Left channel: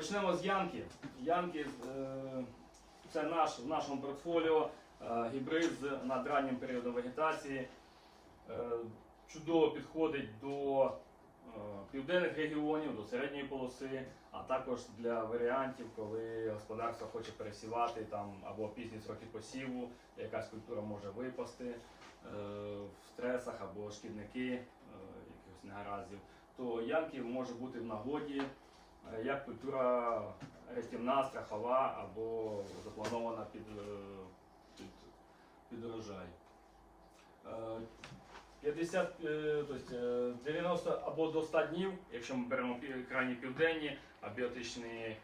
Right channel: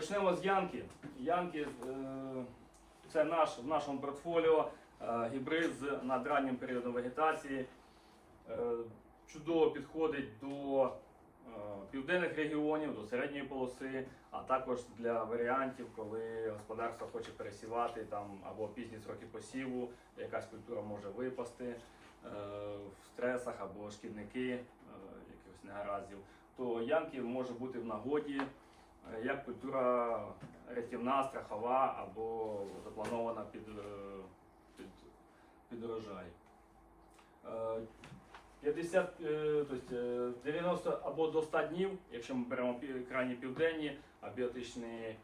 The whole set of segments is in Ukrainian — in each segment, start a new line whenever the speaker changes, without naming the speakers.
Почнемо з Янки. Янки е, це наш в нашому портфоліо е, гібрид з надраннім періодом вегетації. Е, Чудово підходить до південних регіонів, до середньої полоси, а також для варіантів, коли господарство хоче пересівати там або пізні сроки посіву, якась культура може випасти в стресах або шкідники якихось негараздів, то янки може бути в нагоді як культура рятівна, страхова або запланована під, е, під, під урожай. Е, 50, е, тобто, е, 90 або до 100 днів, якщо ми беремо крайні південні, абіотичні е,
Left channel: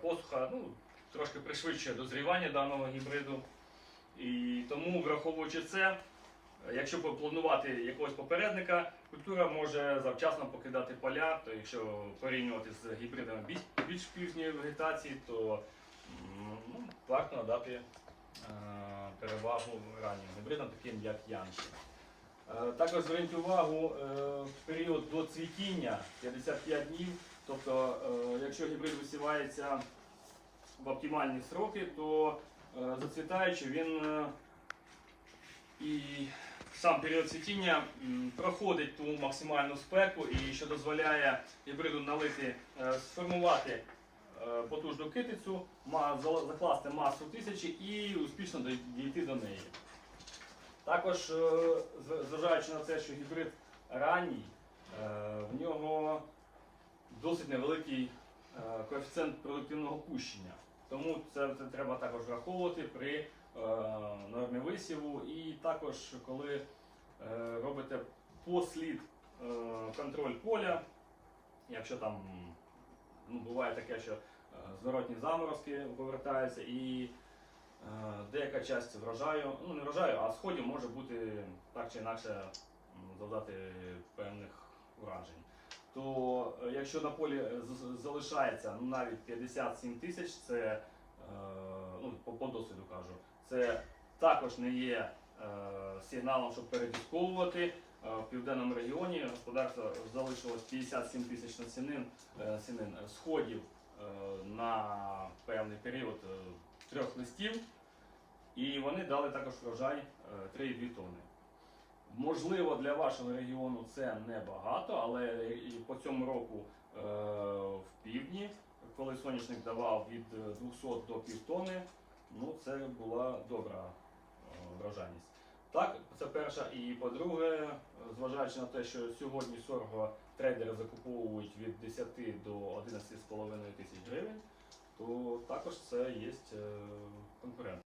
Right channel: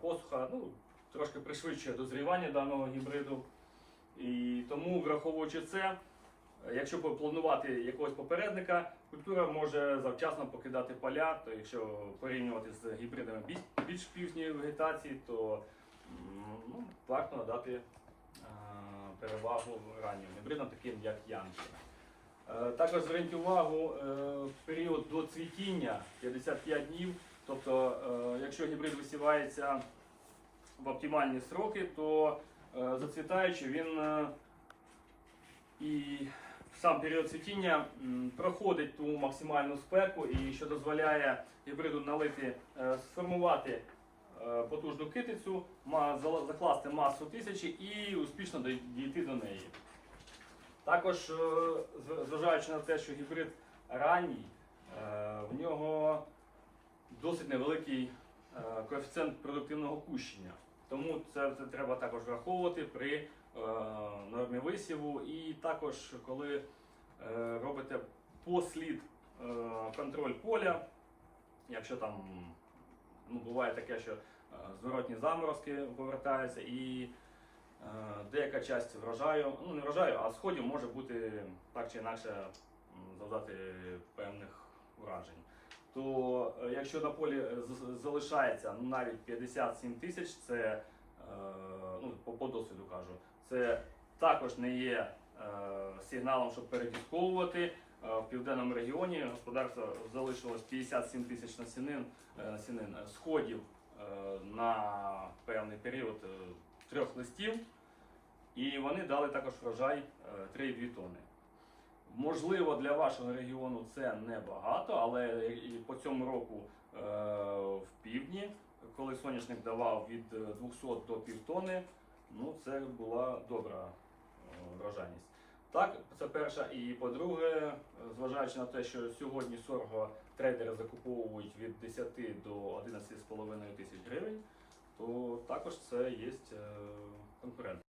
посуха, ну, трошки пришвидшує дозрівання даного гібриду. І тому, враховуючи це, е, якщо планувати якогось попередника, культура може завчасно покидати поля. То якщо порівнювати з гібридами більш, пізньої вегетації, то ну, варто надати е, перевагу раннім гібридам, таким як Янки. Е, Також зверніть увагу е, в період до цвітіння 55 днів. Тобто, якщо гібрид висівається в оптимальні сроки, то зацвітаючи він сам період цвітіння проходить ту максимальну спеку, і що дозволяє гібриду налити, е, сформувати е, потужну китицю, закласти масу тисячі і успішно дійти до неї. Також, е, зважаючи на те, що гібрид ранній, в нього досить невеликий коефіцієнт продуктивного кущення. Тому це, треба також враховувати при висіву. І також, коли е, робите послід е, контроль поля, якщо там ну, буває таке, що е, зворотні заморозки повертаються і Деяка частина врожаю, ну не врожаю, а сходів може бути так чи інакше завдати певних уражень. То якщо на полі залишається ну, навіть 57 тисяч, це ну, по, по досвіду кажу, це також не є е, сигналом, щоб передісковувати. Е, В південному регіоні господарство залишилось 57 тисяч насінин, е, насінин е, сходів на певний період трьох листів, і вони дали також врожай е, 3,2 тонни. Можливо, для вашого регіону це небагато, але і по цьому року в півдні, коли соняшник давав від е, 200 до півтони, ну це була добра врожайність. Так, це перша. І по-друге, зважаючи на те, що сьогодні сорго трейдери закуповують від 10 до 11,5 тисяч гривень, то також це є е, конкурент.